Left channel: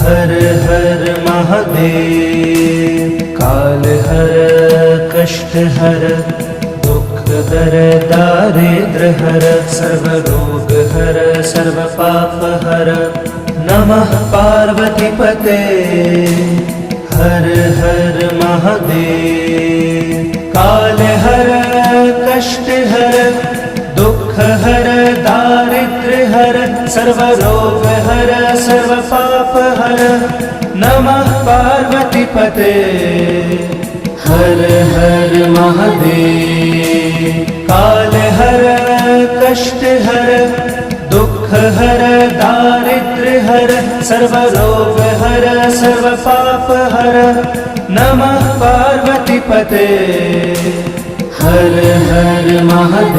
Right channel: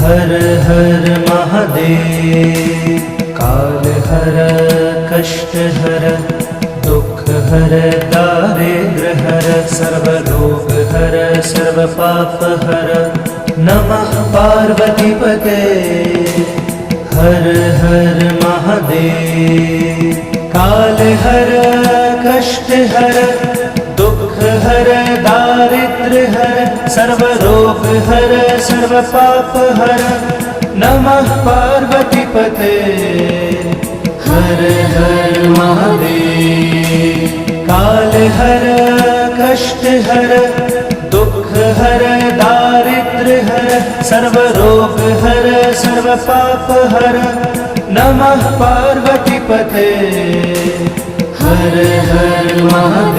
हर हर महादेव। काल हर कष्ट हर दुख हर दारिद्र हर सर्व रोग हर सर्व पाप हर। नमः पार्वती पते। हर हर महादेव। काल हर कष्ट हर दुख हर दारिद्र हर सर्व रोग हर सर्व पाप हर। नमः पार्वती पते। हर हर महादेव। काल हर कष्ट हर दुख हर दारिद्र हर सर्व रोग हर सर्व पाप हर। नमः पार्वती पते। हर हर महादेव।